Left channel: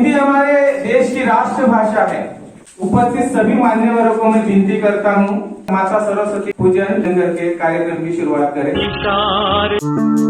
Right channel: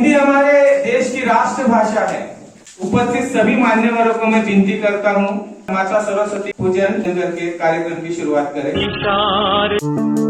हिंदी हमारे देश की राष्ट्रभाषा है। उपस्थित सभी मान्यवरों को मैं विनती करता हूँ, माता सरस्वती पूजन करके कार्यक्रम की शुरुआत करें।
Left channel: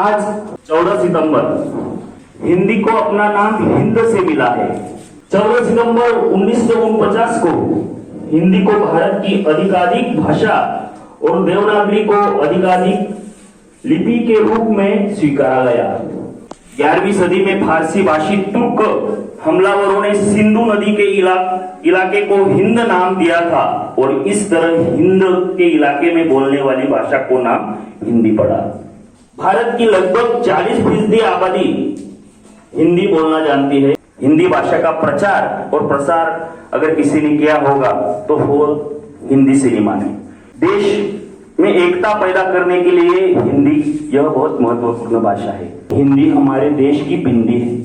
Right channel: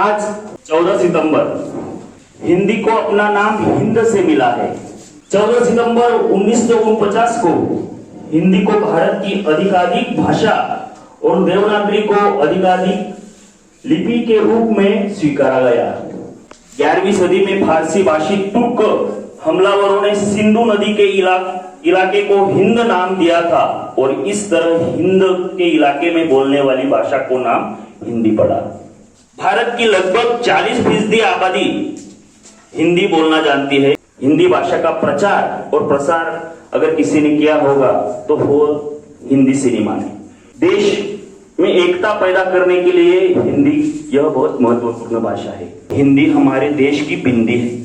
आज 14 सितंबर हिंदी को अपना नाम हिंद से मिला है। 14 सितंबर 1949 को हिंदी को भारत की आधिकारिक भाषा और देवनागरी को आधिकारिक लिपि के रूप में स्वीकारा गया। 11वीं सदी में फारसी भाषी तुर्क हमलावरों ने सिंधु नदी के इलाके को हिंद नाम दिया था और इस तरह हिंद के इलाके में बोलने वाली भाषा को नाम हिंदी पड़ा। भारत की लगभग 40% आबादी हिंदी बोलना जानती है। हिंदी भाषा का प्रचार और प्रसार अगर किसी ने किया होगा तो वो हिंदी सिनेमा ने। देश में एकता पैदा करने के लिए हिंदी यह बहुत महत्वपूर्ण भाषा है। हिंदी हमारे देश की बिंदी है।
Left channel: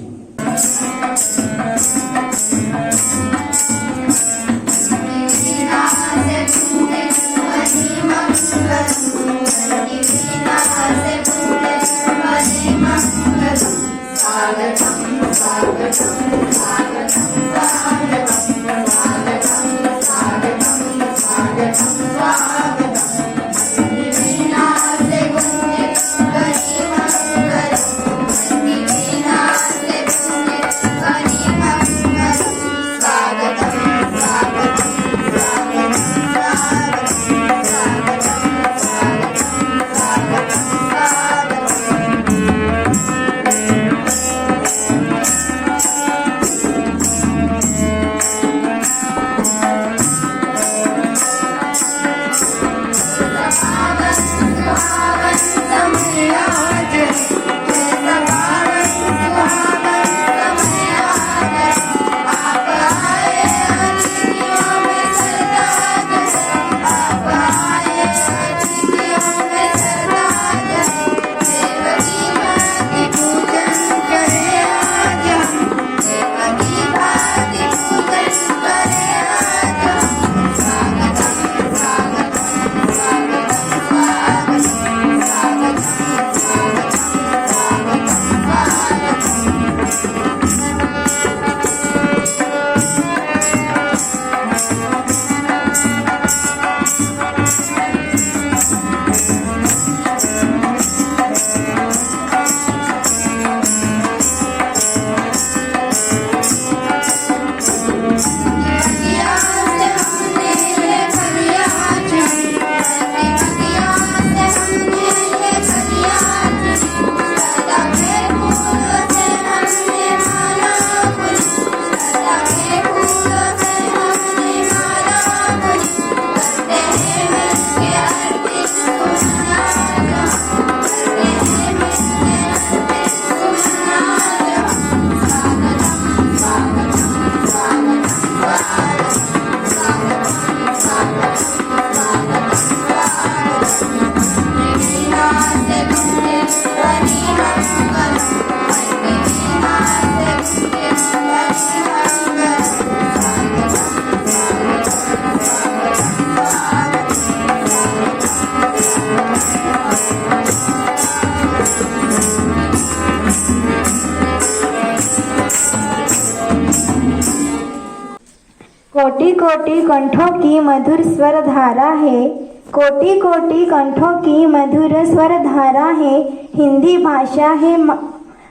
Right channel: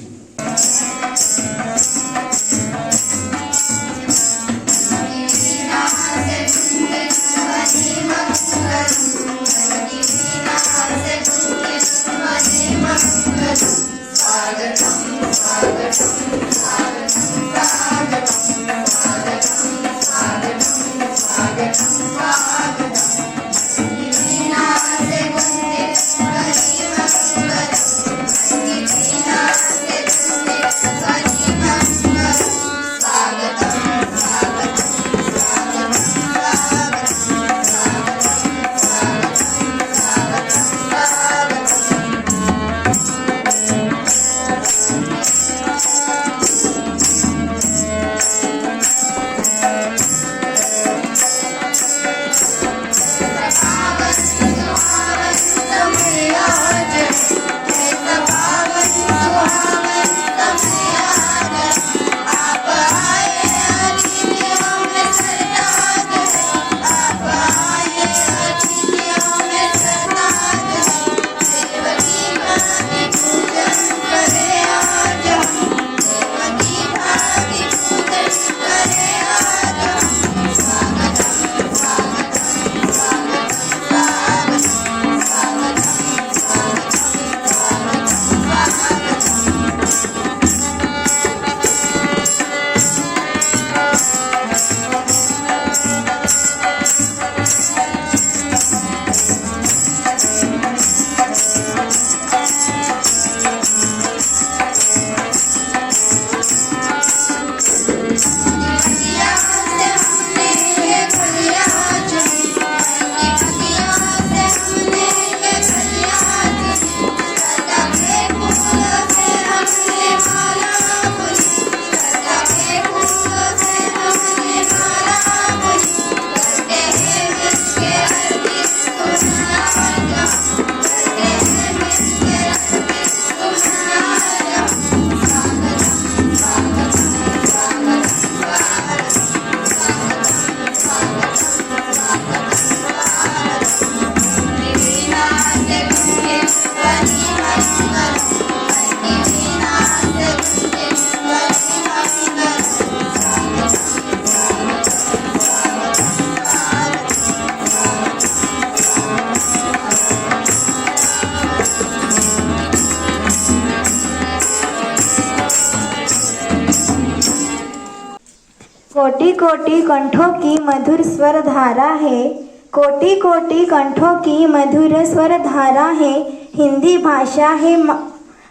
कोटि कोटि कंठों की मधुर स्वर धारा है, कोटि कोटि कंठों की मधुर स्वर धारा है। हिंदी भाषा है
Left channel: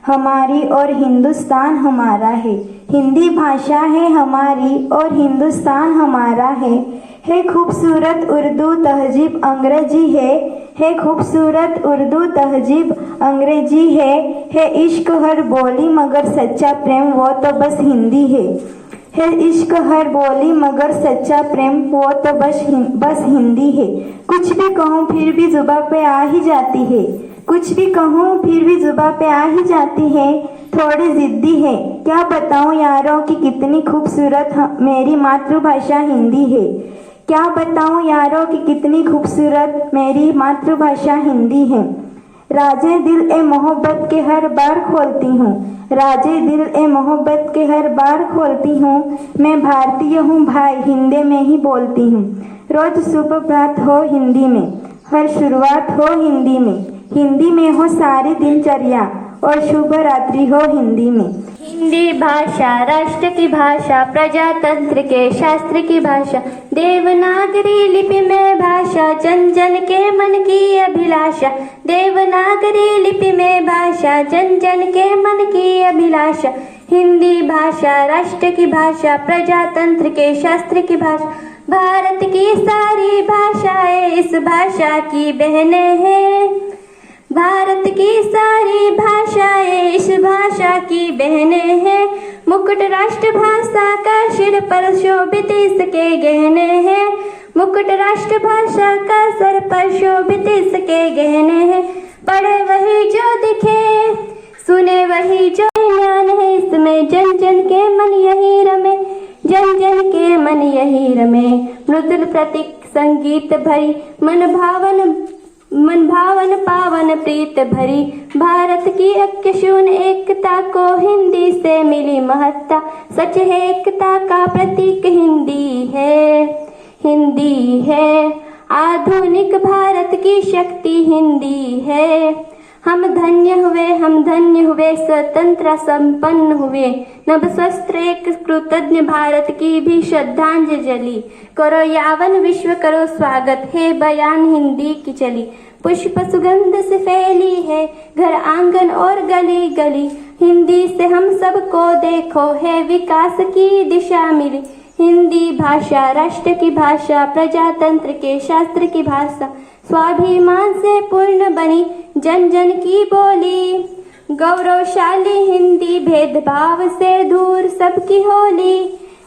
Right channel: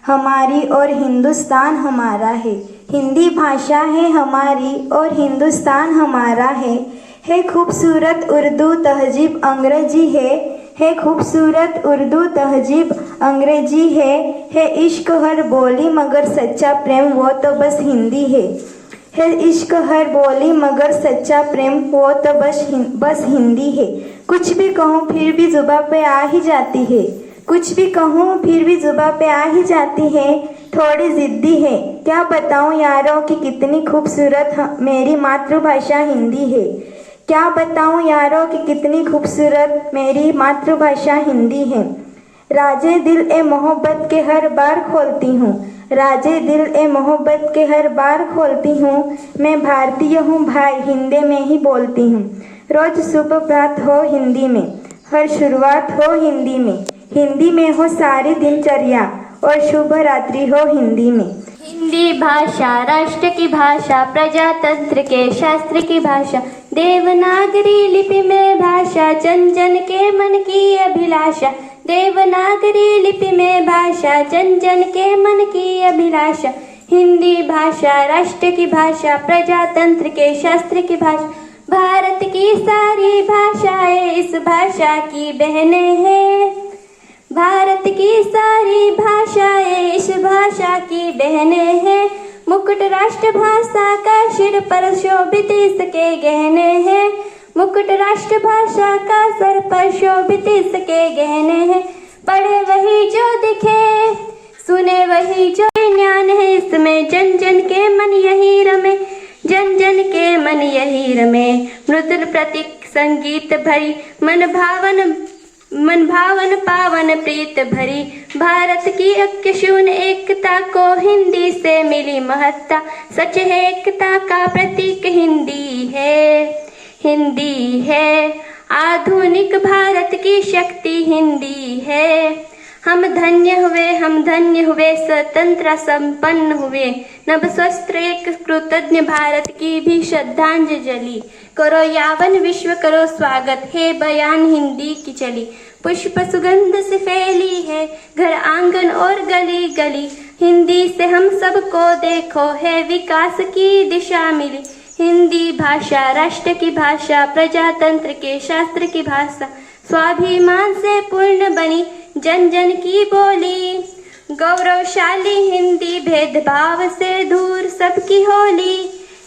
हमारी और हिंदुस्तान हमारा है। हिंदी भाषा है हमारी और हिंदुस्तान हमारा है खूबसूरत उर्दू तहजीब अंग्रेजी है खूबसूरत उर्दू तहजीब अंग्रेजी है इश्क हर बोली मगर सच्चा प्रेम वो तो बस हिंदी है। है इश्क हर बोली मगर सच्चा प्रेम वो तो बस हिंदी है। कुछ भी कहूँ फिर भी जुबां पे आ ही जाती है। कुछ भी कहूँ फिर भी जुबां पे आ ही जाती है। थोड़ी जिद्दी है क्या बताऊँ यारों कि कितनी खूबसूरत मेरी मातृभाषा हिंदी है। क्या बताऊँ यारों कि कितनी खूबसूरत मेरी मातृभाषा हिंदी है। राजे दिल ए मोहब्बत के हर बार खोलती हूँ। राजे दिल ए मोहब्बत के हर बार खोलती हूँ। मैं भारतीय हूँ भाई हिंदी में ही बोलती हूँ। रोज सुप्रभात हो हिंदी में, हर शुरुआत हो हिंदी में हो सारी दिनचर्या और शुभ रात्रि हो हिंदी में। हिंदी भाषा राष्ट्र की भाषा, प्रजातंत्र के शास्त्र की भाषा, देवनागरी लिपि में भाषा, जन जन के मन की अभिलाषा। देवनागरी लिपि में भाषा, जन जन के मन की अभिलाषा। हिंदी भाषा राष्ट्र की भाषा, प्रजातंत्र के शास्त्र की भाषा। भारत की सारी भाषाएं इस भाषा की बहनें हैं। भारत की सारी भाषाएं इस भाषा की बहनें हैं। मुकुट राष्ट्रभाषा का सिर पर शोभित इसके गहने हैं। मुकुट राष्ट्रभाषा का सर पर शोभित इसके गहने हैं। पढ़े वही जो दिखे, सुने वही जो ज्ञान है इसमें। जन जन के मन यही रमे, जन जन के मन यही रमे। मृदुल प्रतीक संगीत भरी, मन भावन पावन प्रीत भरी। भारत की अक्षुण एकता को हिंदी से मिली महत्ता। सच है एकता का प्रतीक हिंदी है, हिंदी है। आधुनिक भारत की शक्ति हिंदी है। हम धन्य हुए स्वतंत्र संपन्न हुए। नभ स्वस्त्र एक कृतज्ञ भारत की भी श्रद्धांजलि। करो यावन विश्व करो स्वागत, है बयान हिंदी की चली। पुष्प सुगंध से फैली है घर आंगन और गली गली। हिंदी से हम सबको देखो है विकास की दिशा मिली। हिंदी भाषा राष्ट्र की भाषा, प्रजातंत्र के शास्त्र की भाषा। स्वाभिमान से पूर्ण बनी जन जन की बोली। गौरवशाली हिंदी भेदभाव से दूर सबकी होली।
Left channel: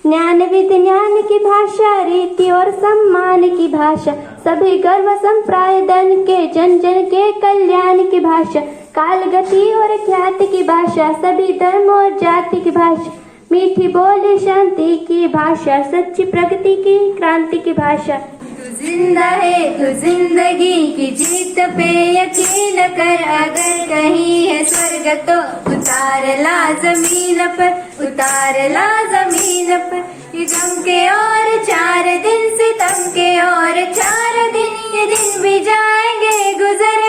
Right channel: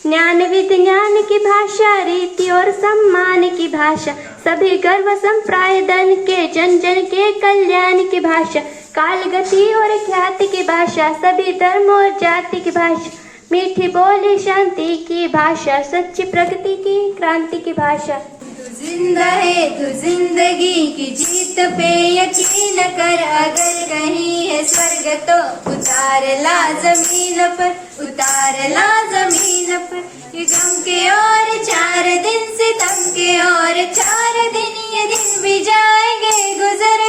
ज्ञान विज्ञान की भाषा, रीति और सम्मान की भाषा। सभी गर्व संप्रायदन के जन जन के कल्याण की भाषा। काल गति और ख्याति की भाषा, सभी धर्म और जाति की भाषा। मीठी बोली शांति की भाषा, सच्ची प्रगति की क्रांति की भाषा। तू जिंदा है तू जिंदगी की जीत पे यकीन कर। अगर कहीं है स्वर्ग तो उतार ला जमीन पर, उतार ला जमीन पर। ये गम के और 4 दिन, सितम के और 4 दिन। ये दिन भी जाएंगे, गुजर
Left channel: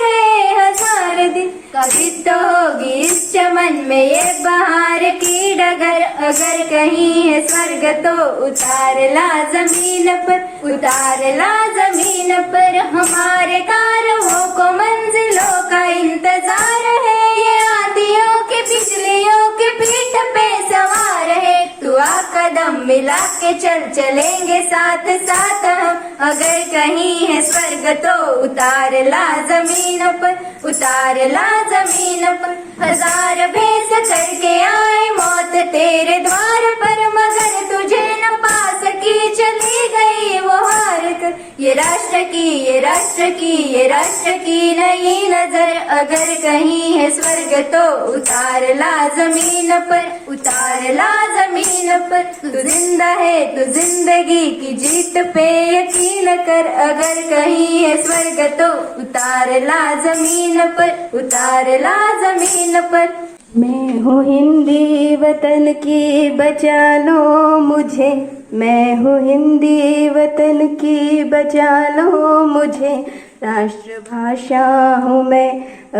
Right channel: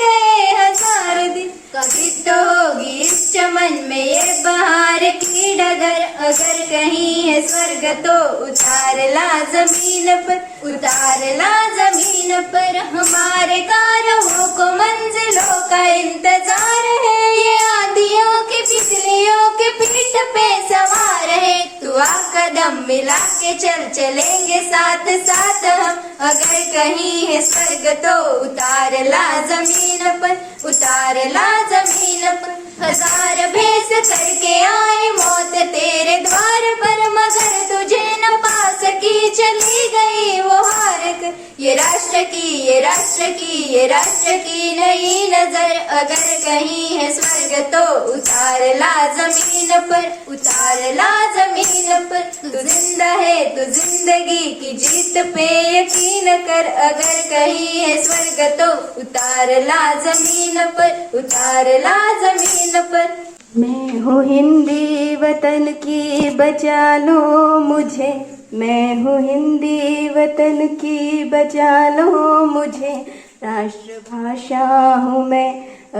गए 1000 दिन। कभी तो होगी इस चमन में ये बहार की डगर। अगर कहीं है स्वर्ग तो उतार ला जमीन पर, उतार ला जमीन पर। हमारे कारवों को मंजिलों का इंतजार है। ये आंधियों की बिजलियों की पीठ पे सवार है। तू आ कदम मिला के चलेंगे साथ साथ हम। अगर कहीं है स्वर्ग तो उतार ला जमीन पर, उतार ला जमीन पर। 1000 भेस करके आए मौत तेरे द्वार पर, मगर तुझे न पा सकी, चली गई वो हार कर। ये राष्ट्र की, ये राष्ट्र की, ये राष्ट्र की नई नजर। अगर कहीं है स्वर्ग तो उतार ला जमीन पर, उतार ला जमीन पर। तू जिंदा है तू जिंदगी की जीत पे यकीन कर। अगर कहीं है स्वर्ग तो उतार ला जमीन पर, उतार ला जमीन पर। मैं हूँ हिंदी वतन की बचा लो मुझे। मैं हूँ हिंदी वतन की बचा लो मुझे। राष्ट्रभाषा हूँ मैं,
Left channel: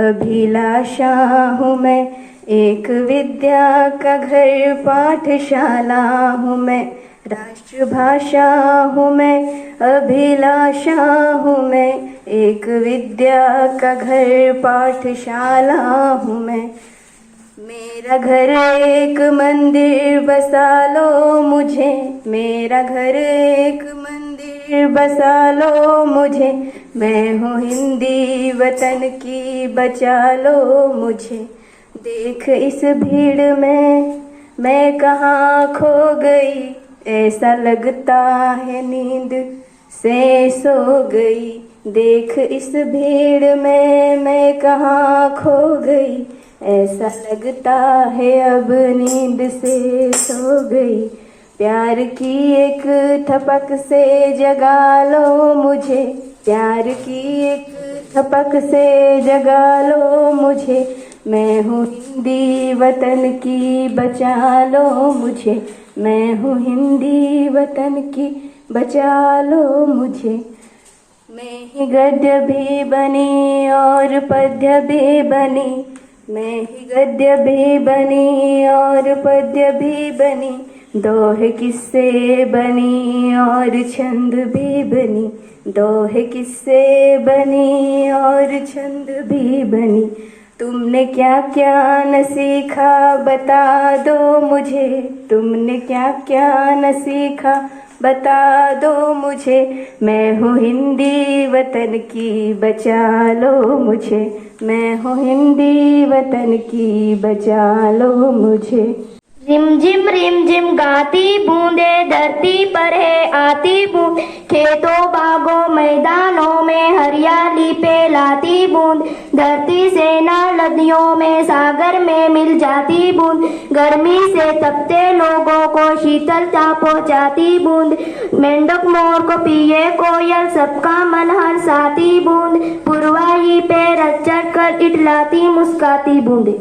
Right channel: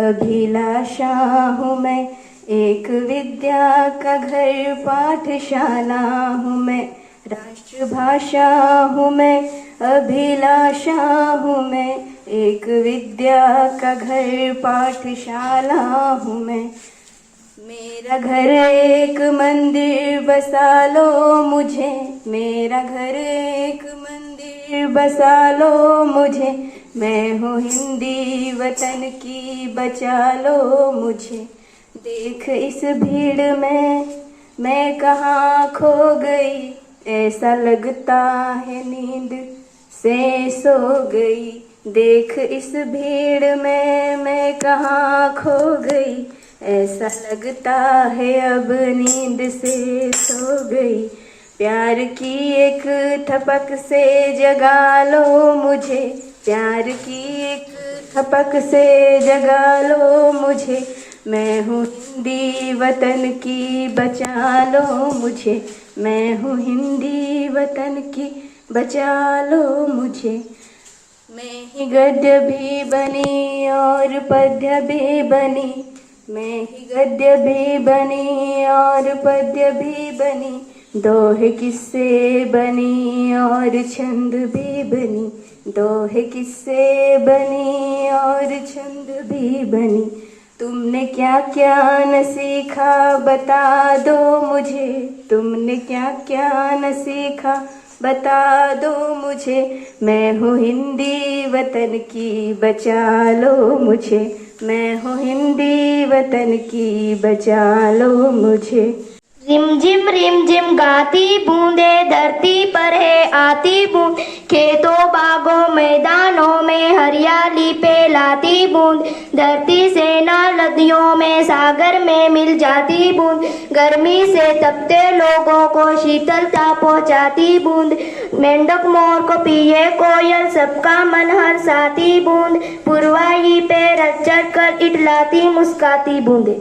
अभिलाषा हूँ मैं। एक विद्या का घर पाठशाला हूँ मैं। राष्ट्रभाषा हूँ मैं, अभिलाषा हूँ मैं। एक विद्या का घर पाठशाला हूँ मैं। मेरा घर एक मंदिर बसा लो मुझे। मेरा घर एक मंदिर बसा लो मुझे। मैं हूँ हिंदी वतन की बचा लो मुझे। देख इस भीड़ में मैं कहाँ खो गई, ऐसा लगता है नींद से सो गई। देख इस भीड़ में मैं कहाँ खो गई, ऐसा लगता है अब नींद से सो गई। प्यार की एक थपक से जगा लो मुझे, प्यार की एक थपक से जगा लो मुझे। मैं हूँ हिंदी वतन की, बचा लो मुझे। मैं हूँ हिंदी वतन की, बचा लो मुझे। मैं ही गद्य भी बनी और पद्य भी बनी, मैं ही गद्य भी बनी और पद्य भी बनी। दोहे किस्से बनी और छंद भी बनी, दोहे किस्से बनी और छंद भी बनी। तुमने क्या क्या न सीखा बता दो मुझे, तुमने क्या क्या न सीखा बता दो मुझे। मैं हूँ हिंदी वतन की, बचा लो मुझे। मैं हूँ हिंदी वतन की, बचा लो मुझे। रिम झिम गाती बूंदे धरती पर है आती बूंद, खेतों बागों मैदानों में हरियाली पे लाती बूंद। धरती से ना नदियों में सागर में मिल जाती बूंद, गर्मी से तपते लोगों को शीतलता पहुंचाती बूंद। मेंढक मोर को पिए कोयल, सबका मन हर्षाती बूंद। पुरवाई पे रच चढ़ कर इटलाती मुस्काती बूंदे।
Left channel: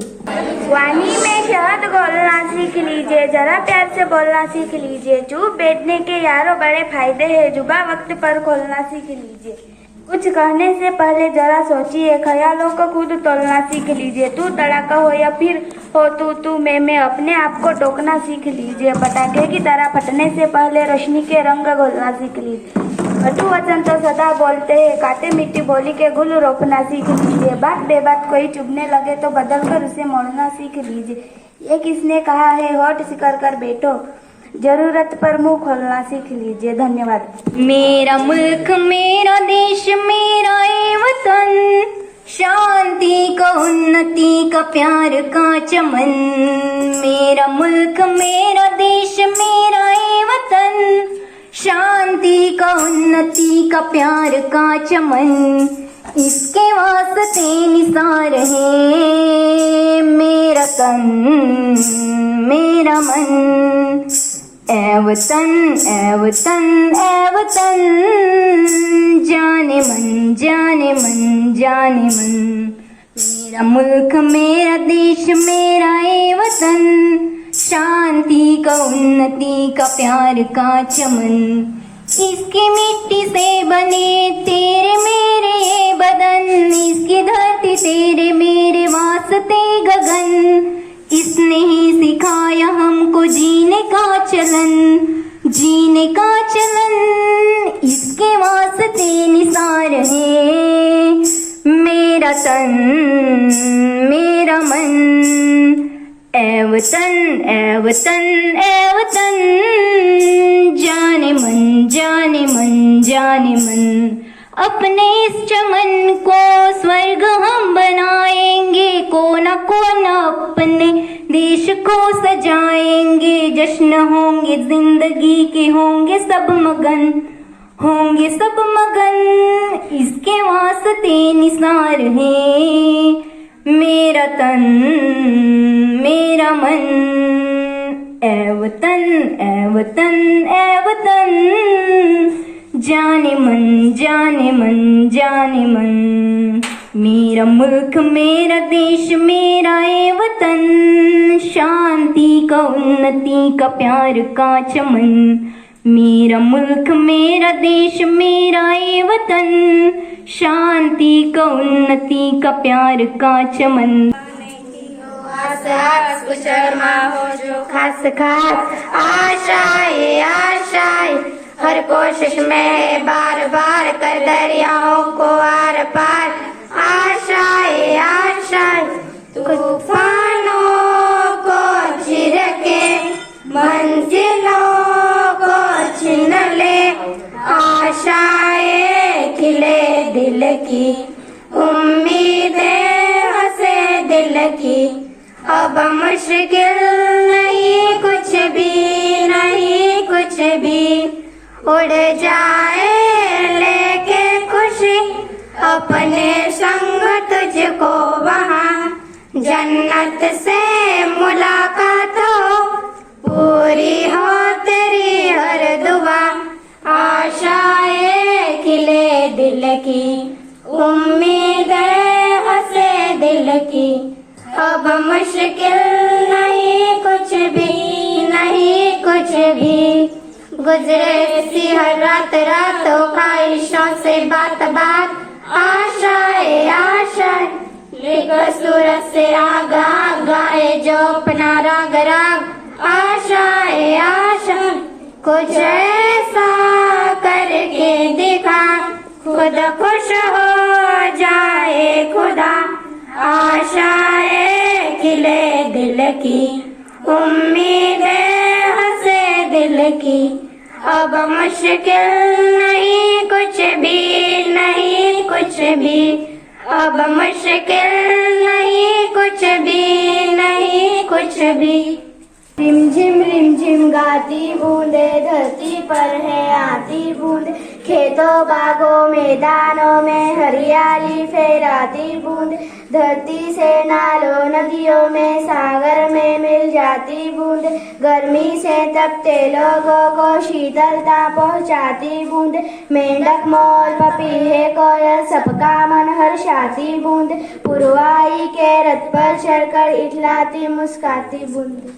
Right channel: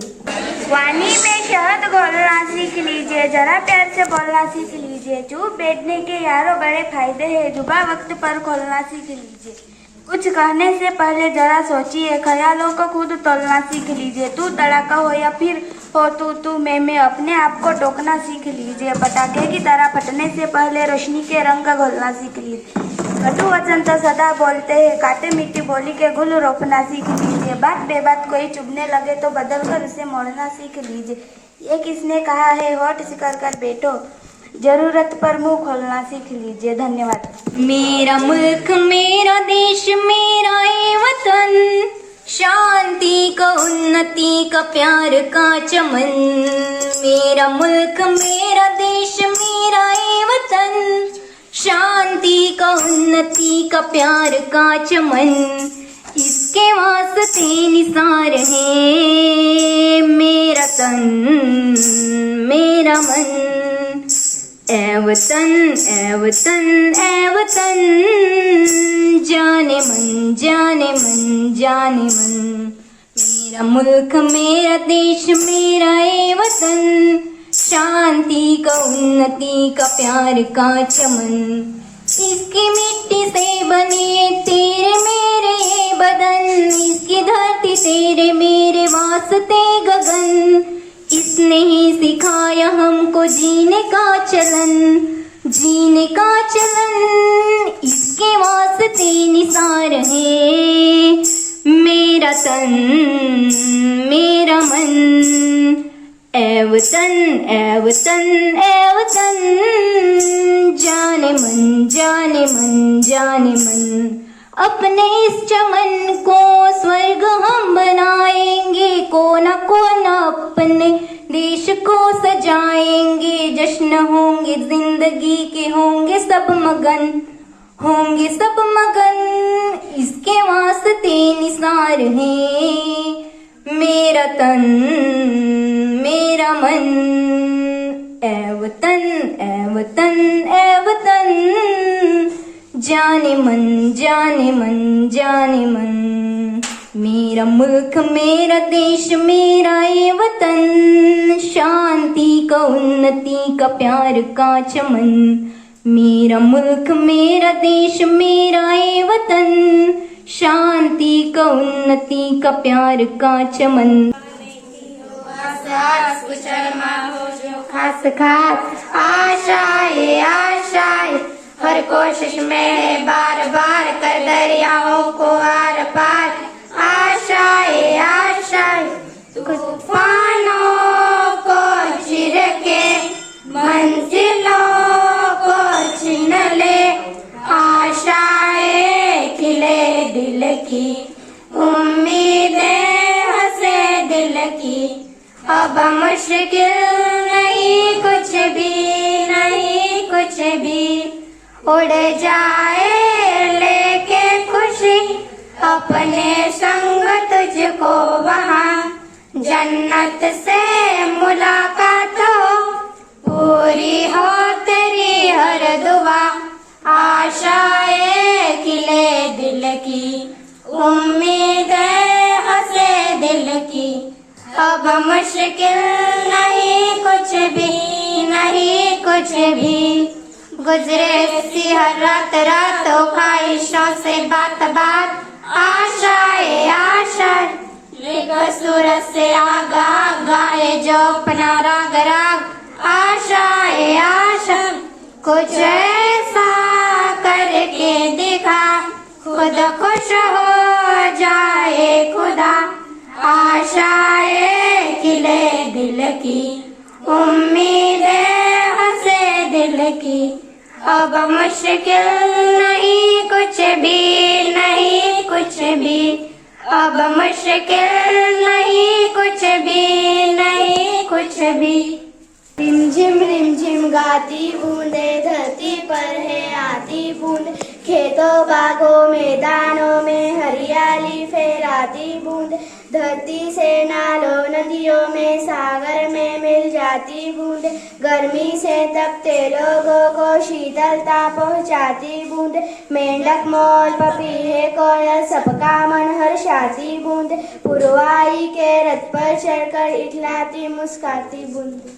वाणी में शहद घोलना सीख लीजिए, जरा प्यार से बोलना सीख लीजिए। चुप बैठने के यारों बड़े फायदे हैं, जुबा वक्त पर खोलना सीख लीजिए। कुछ कहने से पहले जरा सोचिए, ख्यालों को खुद तोलना सीख लीजिए। तू तड़ाका हो या फिर हो तू मैं अपने आप को टोकना सीख लीजिए। पटाखे की तरह फटने से पहले रोशनी के रंग घोलना सीख लीजिए। कटु वचन तो सदा बोलते हैं, काटे मिट्टी बोली के गुल रोपना सीख लीजिए। बात बेबात कोई चुभने लगे तो बदल कर उसे मोड़ना सीख लीजिए। ये किसने कहा है, होठ सिकर कर बैठो, जरूरत पर मुंह खोलना सीख लीजिए। धन्यवाद। मेरा मुल्क मेरा देश मेरा ये वतन, शांति का उन्नति का प्यार का चमन। मेरा मुल्क मेरा देश मेरा ये वतन, शांति का उन्नति का प्यार का चमन। इसके वास्ते निसार है मेरा तन मेरा मन। ऐ वतन ऐ वतन ऐ वतन, जाने मन जाने मन जाने मन। मेरा मुल्क मेरा देश मेरा ये वतन, शांति का उन्नति का प्यार का चमन। इसकी मिट्टी से बने तेरे मेरे ये बदन, इसकी धरती तेरे मेरे वास्ते गगन। इसने ही सिखाया हमको जीने का चलन, जीने का चलन। इसके वास्ते निसार है मेरा तन मेरा मन। ऐ वतन ऐ वतन ऐ वतन, जाने मन जाने मन जाने मन। अपने इस चमन को स्वर्ग हम बनाएंगे, कोना कोना अपने देश को सजाएंगे। जश्न होंगे जिंदगी के, होंगे सब मगन, होंगे सब मगन। इसके वास्ते निसार है मेरा तन मेरा मन। ऐ वतन ऐ वतन ऐ वतन, जाने मन जाने मन जाने मन। मेरा मुल्क मेरा देश मेरा ये वतन, शांति का उन्नति का प्यार का चमन। मेरा मुल्क मेरा देश मेरा ये वतन, शांति का उन्नति का प्यार का चमन। शर्मा हो जो खास खास आशाएं आशाएं, हर कोशिश में बार बार कर दरियाओं को आर पार। आशाएं आशाएं तूफानों को चिर के मंजिलों को छीन ले। आशाएं खिले दिल की, उम्मीदें हंसे दिल की। अब मुश्किल नहीं उड़ जाए लेके खुशी अपने संग तुझको वहाँ, जन्नत से मुलाकात हो, पूरी हो तेरी हर दुआ। आशाएं खिले दिल की, उम्मीदें हंसे दिल की, अब मुश्किल नहीं कुछ भी, नहीं कुछ भी। गुजरे सी हर रात रातों ख्वाहिशों से बात बात, आशाएं आशाएं सूरत से आगा गाए जो अपना राग राग। आशाएं आशाएं कुछ ऐसा करके दिखा, खुद खुश हो जाए खुदा। आशाएं खिले दिल की, उम्मीदें हंसे दिल की, अब मुश्किल नहीं कुछ भी, नहीं कुछ भी। अब मुश्किल नहीं कुछ भी, नहीं कुछ भी। रिम झिम गाती बूंदे धरती पर है आती बूंद, खेतों बागों मैदानों में हरियाली फैलाती बूंद, धरती से नालों नदियों में सागर में मिल जाती बूंद, गर्मी से तपते लोगों को शीतलता पहुंचाती बूंद, मेंढक मोर पपीहे कोयल सबका मन हर्षाती बूंद, पुरवाई के रथ पर चढ़कर इठलाती मुस्काती बूंद।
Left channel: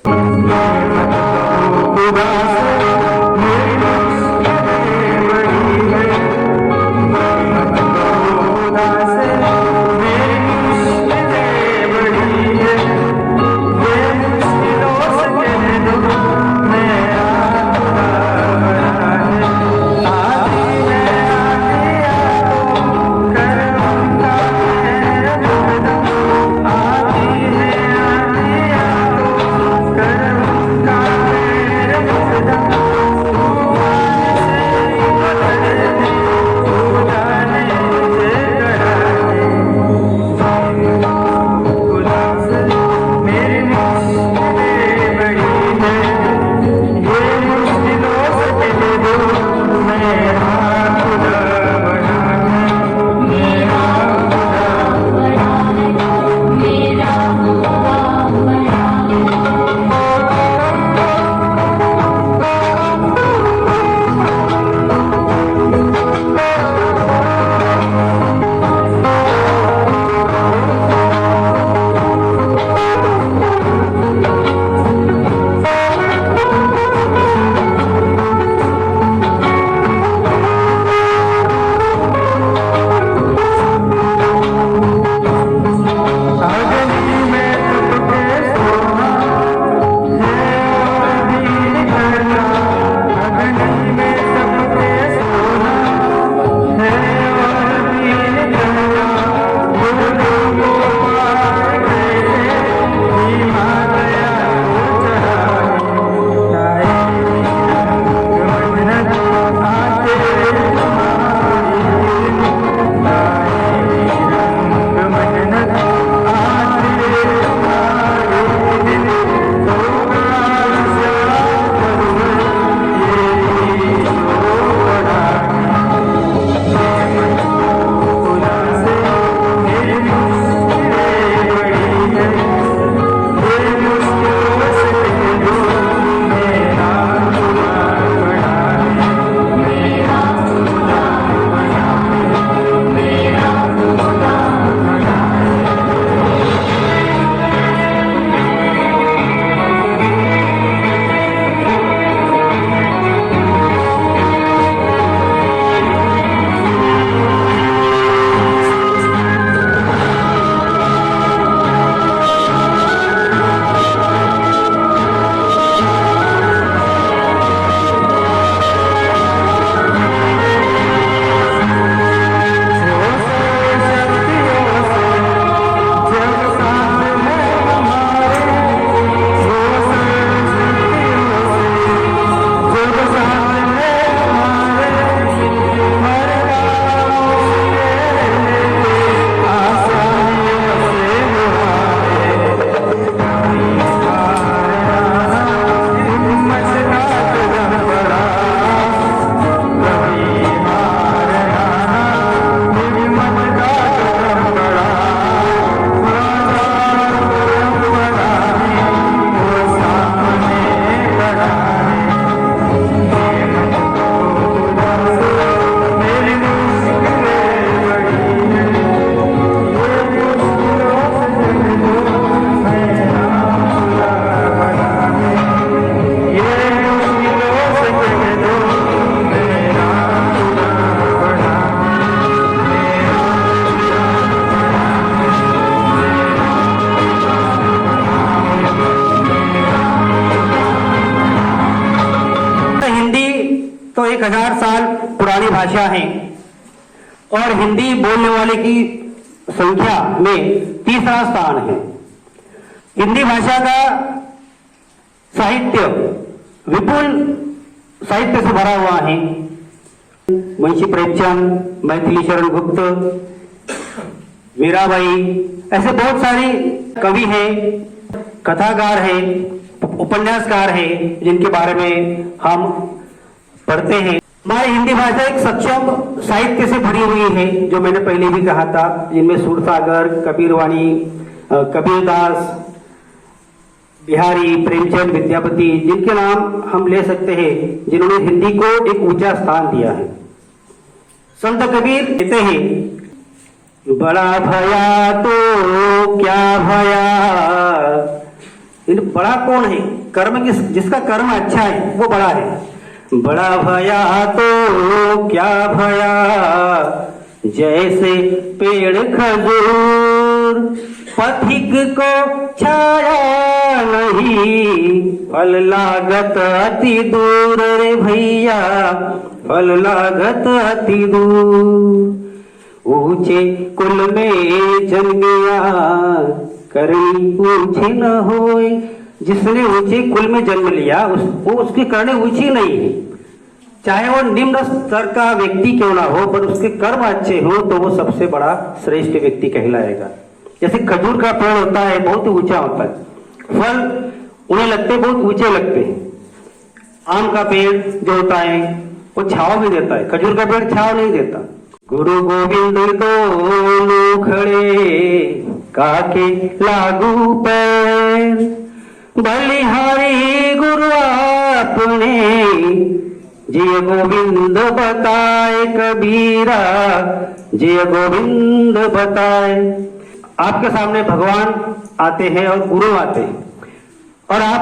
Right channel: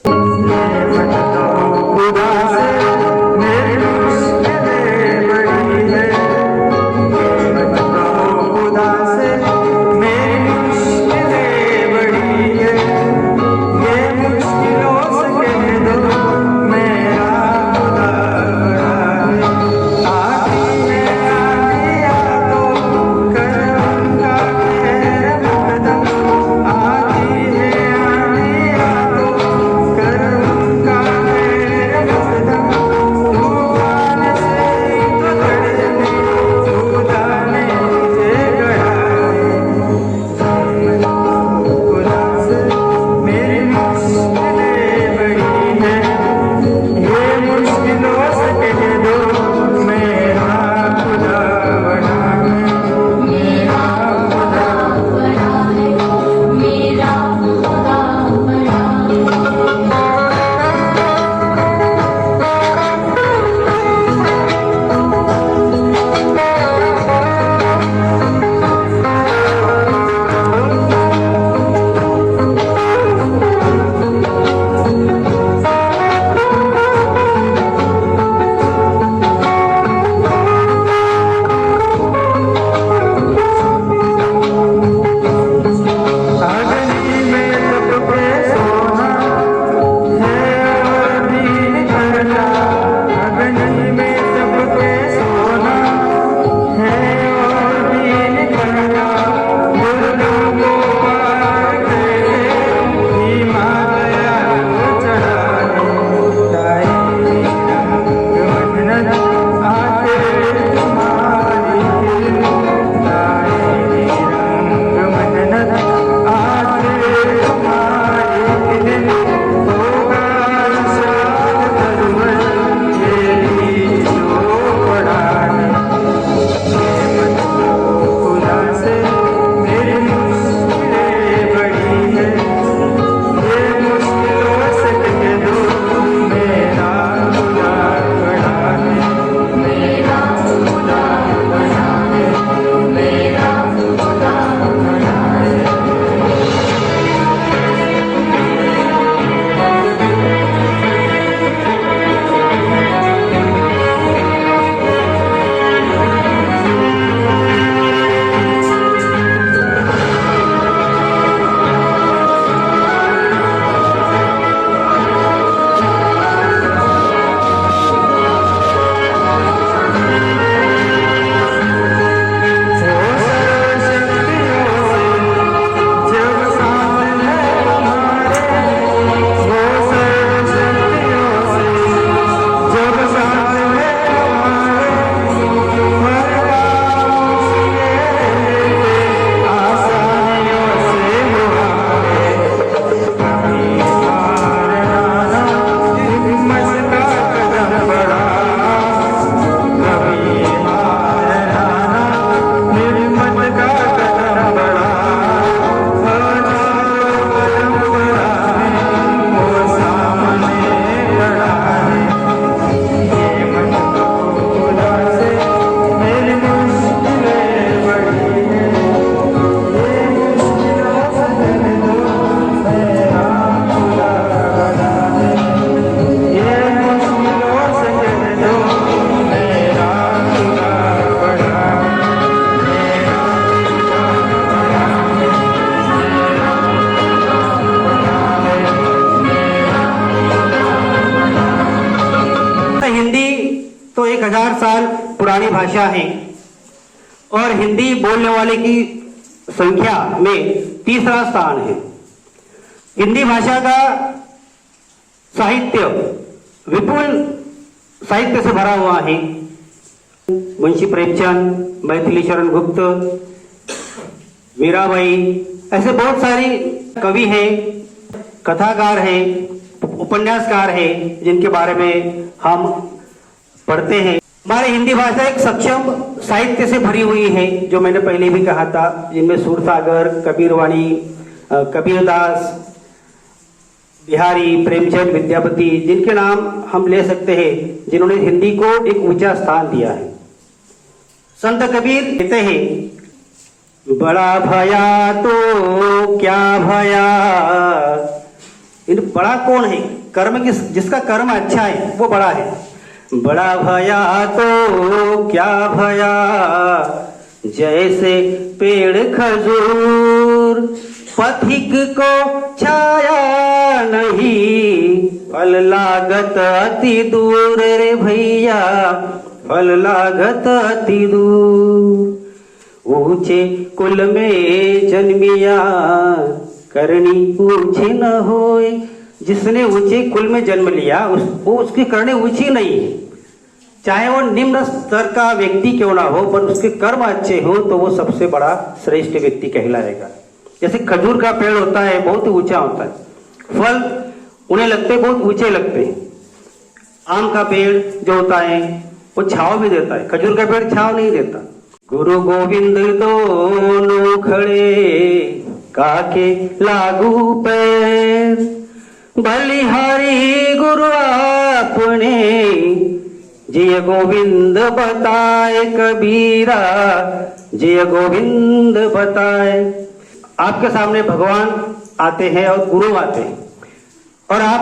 तो 1000 साल पुरानी भाषा है और हिंदी बोलने वाले की संख्या में तीसरा स्थान है। हिंदी भाषा का साहित्य विपुल साहित्य से भरा हुआ है। मुंशी प्रेमचंद, मैथिली शरण गुप्त, मीराबाई, ऐसे बहुत सारे कवि हैं, कथाकार हैं, उपन्यासकार हैं जिनके बारे में हम पढ़ते हैं। हमारी हिंदी भाषा एक सक्षम साहित्य से भरी हुई है, जो मैंने पहले भी कहा था, जिनमें सूरसागर, कबीरवाणी, कबीरदास, बिहारी, प्रेमचंद, विद्यापति, जिनके नाम हम ले सकते हैं, जिन्होंने हिंदी को एक ऊंचा स्थान दिया है। संत कबीर कहते हैं, बड़ा भया तो क्या भया। बड़ा कौन है? कर्म जिसका कर्म अच्छा है वो बड़ा है। बड़ा भया तो क्या भया, जैसे पेड़ खजूर, पथिक को छाया नहीं, फल लागत अति दूर रे भैया, फल लागत अति दूर। ऊंचे कुल में जन्मिया, करनी ऊंची न होए। जिसने ऊंचे कुल में जन्म लिया उसकी करनी ऊंची नहीं है, चाहे वो निम्न स्तर का व्यक्ति क्यों ना हो, पर उसके कर्म अच्छे हो तो वो सबसे बड़ा श्रेष्ठ व्यक्ति कहलाएगा। जैसे खजूर का पेड़ होता है, बहुत ऊंचा होता है, फल उन्हें लगते बहुत ऊंचे लगते हैं। आम का पेड़ जो होता है वो छाव भी देता है, खजूर का पेड़ छाव नहीं देता। गुरु गोविंद दोनों खड़े, काके लागू पैर, बलिहारी गुरु अपने, जय गोविंद बताए कबीरा, जय गोविंद बताए। आपके सामने भगवान आते हैं और गुरु आते हैं, और आप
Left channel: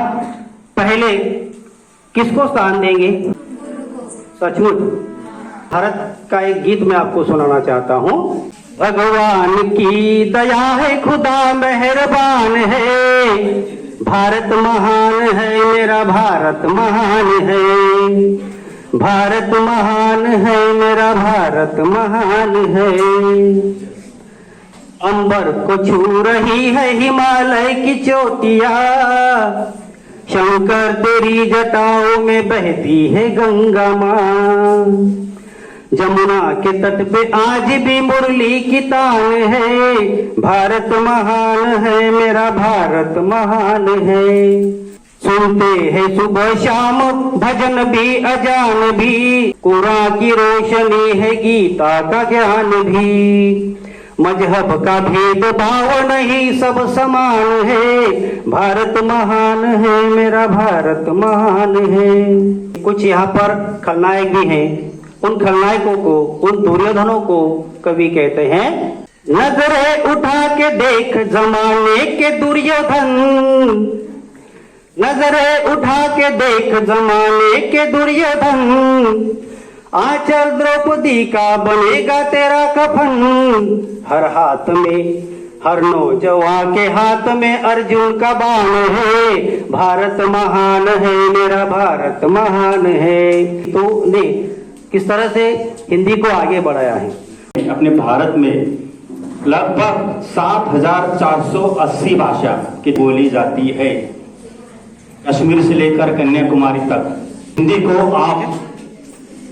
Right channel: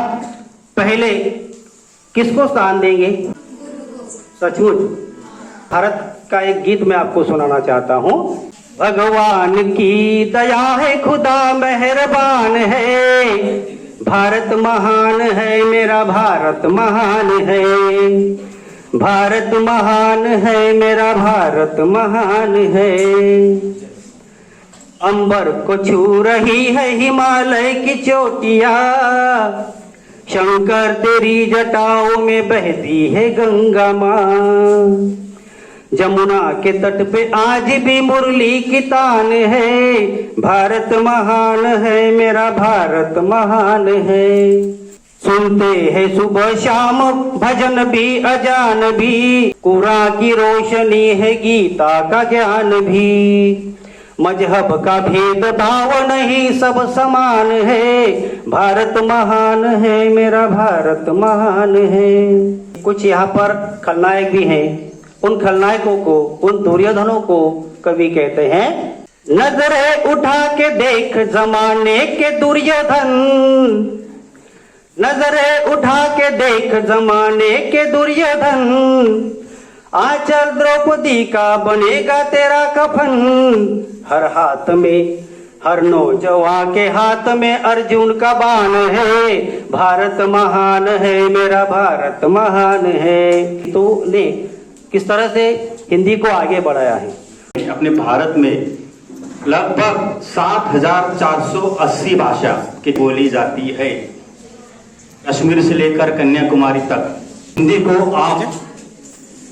पहले किसको स्थान देंगे? सचमुच भारत का एक गीत मैं आपको सुनाना चाहता हूँ। भगवान की दया है, खुदा मेहरबान है, भारत महान है, मेरा भारत महान है, भारत महान है, मेरा भारत महान है। अंबर को छू रही है हिमालय की चोटियां, शंकर तेरी जटाओं में बहती है गंगा मां। जमुना के तट पे आज भी मुरली की तान है, भारत महान है, मेरा भारत महान है। सुनते हैं सुबह शाम भजन भी अजान भी, कुरान की रोशनी है, गीता का ज्ञान भी। मजहब का भेदभाव नहीं, सब समान है, भारत महान है, मेरा भारत महान है। कुछ यहाँ पर खलनायक भी हैं, उन खलनायकों को, उन दुर्योधनों को कवि कहते हैं, नजरें उठा के देख जमाने के दुर्योधन, नजरें उठा के देख जमाने के दुर्योधन, आंचल द्रौपदी का बनेगा तेरा कफन। हर हाथ में, हर नौजवान के हाथ में अर्जुन का बाण है, भारत महान है, मेरा भारत महान है। तो ने किस तरह से हिंदी को आगे बढ़ाया है। अपने भारत में लगभग 7480 भाषा की बोली जाती है, कश्मीर से लेकर कन्याकुमारी तक। हिंदी को आप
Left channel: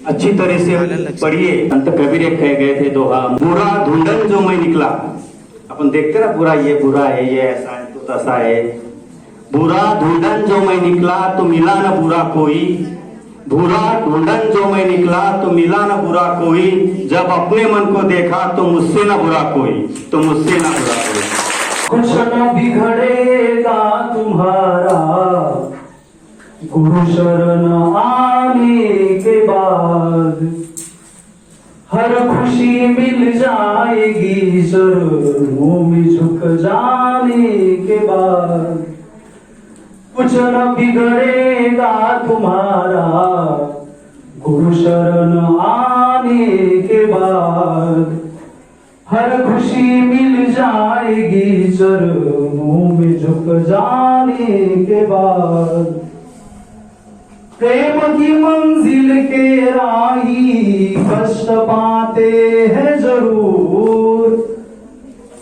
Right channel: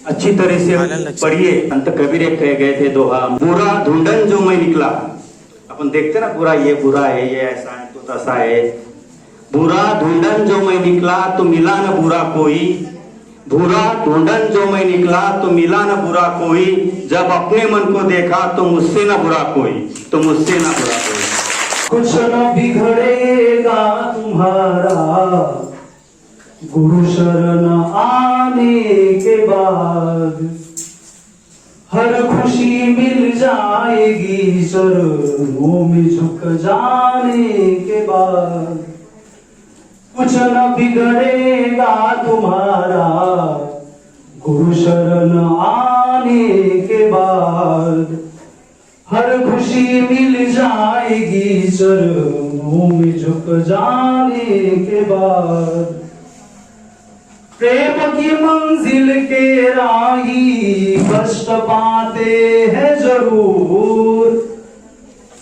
अच्छी तरह से पढ़िए। संत कबीर एक कह गए थे दोहा, बुरा ढूंढन जो मैं निकला। अपन देखते ना, बुरा ये बुरा है, ये ऐसा है तो तैसा है। बुरा ढूंढन जो मैं निकला तो मिला न बुरा कोई, बुरा ढूंढन जो मैं निकला तो मिला न बुरा कोई, जब अपने मन को देखा तो मुझसे न बुरा कोई, तो मुझसे न बुरा कोई। कुछ न बिगड़ेगा तुम्हारा गुरु शरण आने के बाद, हर खुशी मिल जाएगी चरणों में झुक जाने के बाद। कुछ न बिगड़ेगा तुम्हारा गुरु शरण आने के बाद, हर खुशी मिल जाएगी चरणों में झुक जाने के बाद। प्रेम की मंजिल के राही कष्ट पाते हैं जरूर,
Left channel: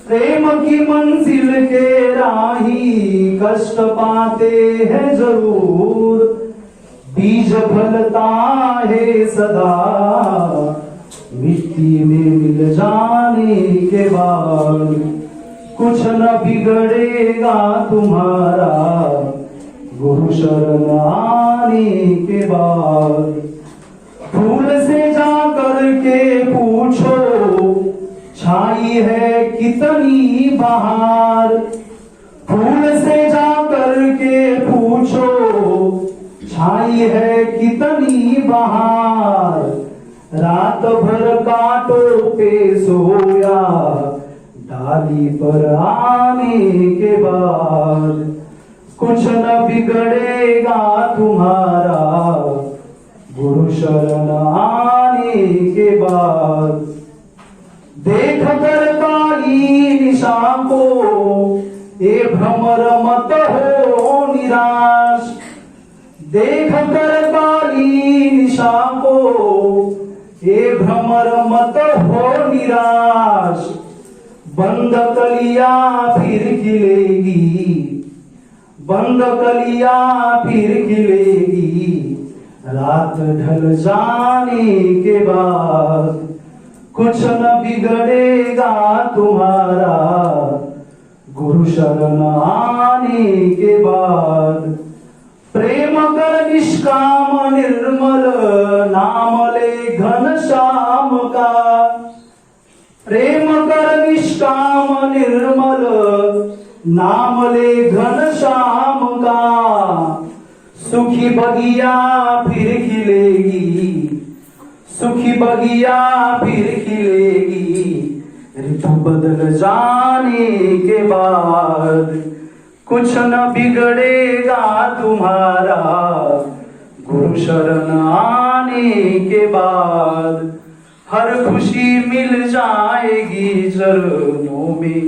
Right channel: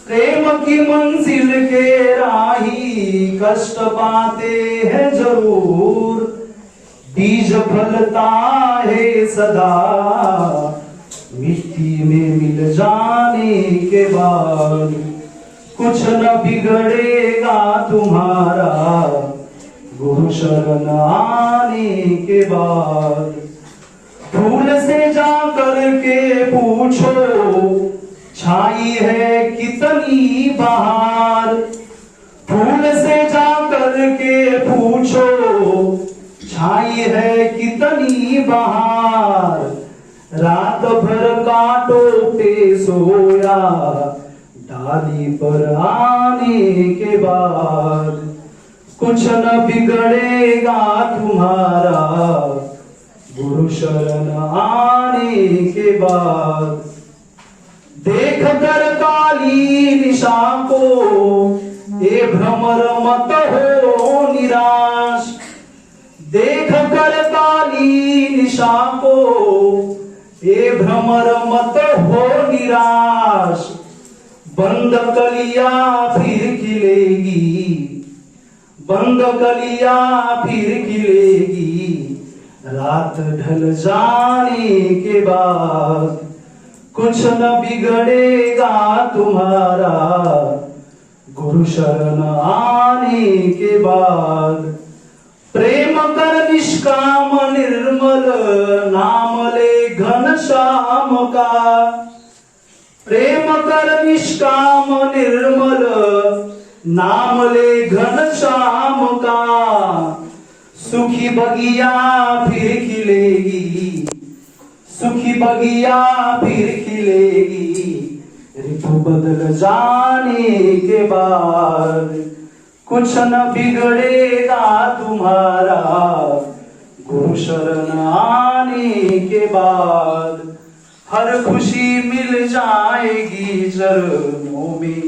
प्रेम की मंजिल के राही कष्ट पाते हैं जरूर, बीज फलता है सदा मिट्टी में मिल जाने के बाद, कुछ न बिगड़ेगा तुम्हारा गुरु शरण आने के बाद। फूल से जाकर के पूछो छाई है कितनी बहार, फूल से जाकर के पूछो छाई है कितनी बहार, रात भर कांटों पे सोया डाली पर आने के बाद, कुछ न बिगड़ेगा तुम्हारा गुरु शरण आने के बाद। देख कर काली निशा को ए भ्रमर मत हो निराश, देख कर काली निशा को ए भ्रमर मत हो निराश, बंद कलिया फिर खिलेगी, बंद कलिया फिर खिलेगी, रात ढल जाने के बाद, कुछ न बिगड़ेगा तुम्हारा गुरु शरण आने के बाद। प्रेम कर निष्काम निर्मल नाम ले घन श्याम का, प्रेम कर निष्काम निर्मल नाम ले घन श्याम का, सुखी बगिया फिर खिलेगी, सुखी बगिया फिर खिलेगी, ऋतु बदल जाने के बाद, कुछ न बिगड़ेगा तुम्हारा गुरु शरण आने के बाद। हर खुशी मिल जाएगी चरणों में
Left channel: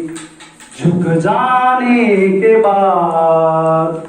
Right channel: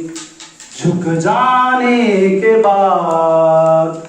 झुक जाने के बाद।